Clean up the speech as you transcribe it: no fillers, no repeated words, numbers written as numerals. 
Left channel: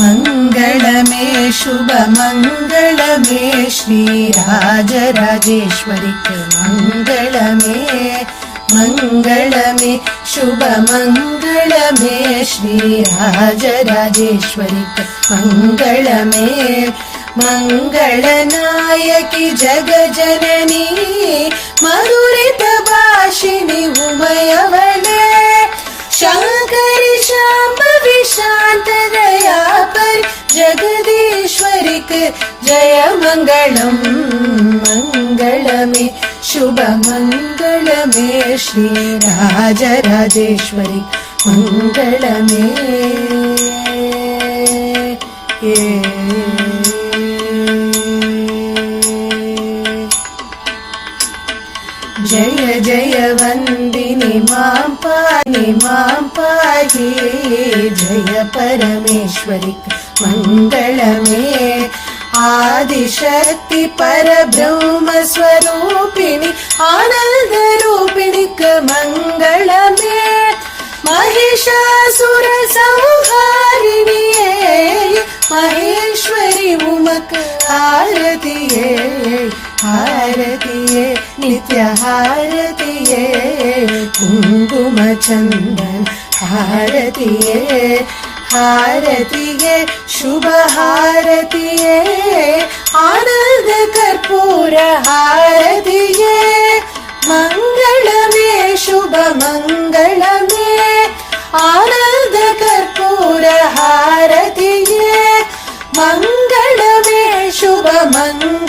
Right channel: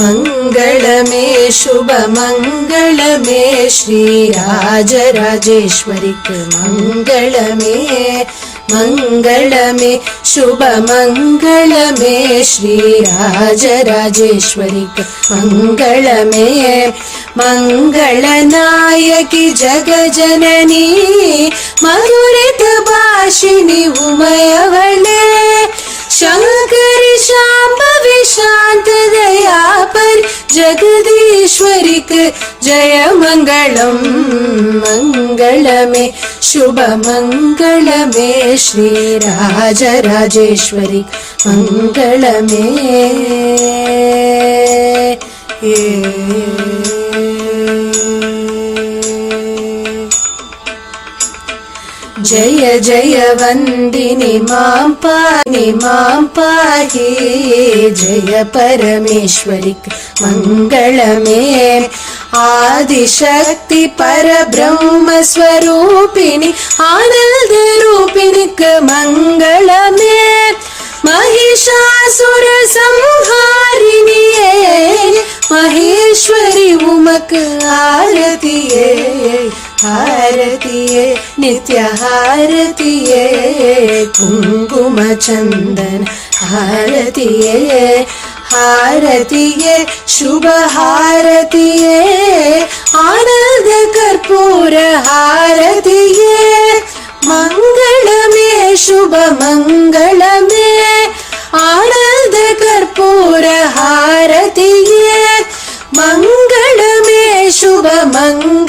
மங்களமே சுப மங்களமே ஸ்ரீ ராஜராஜேஸ்வரிக்கு மங்களமே மங்களமே சுப மங்களமே ஸ்ரீ ராஜராஜேஸ்வரிக்கு மங்களமே மங்களநாயகி ஜகஜனனி மதுரித பாஷினி உமையவளே शंकरी शांभवी शांत दया पर जगदीश्वरिक जय मंगलम मंगलमे शुभ मंगलमे श्री राजराजेश्वरी मंगलमे जय जय वंदिनी मां पाहि जय परमेश्वरी मंगलमे आदिशक्ति परब्रह्म स्वरूपिणी आनंद रूपिणी मंगलमे महिषासुर संहारिणिये महेश्वरी उमक आरतिये हारतिये नित्य हारतिये कुंकुम चंदन हारतिये हारतिये शुभ हारतिये आनंद कर्पूर हारतिये मंगलमे शुभ मंगलमे आनंद कर्पूर हारतिये मंगलमे शुभ मंगलमे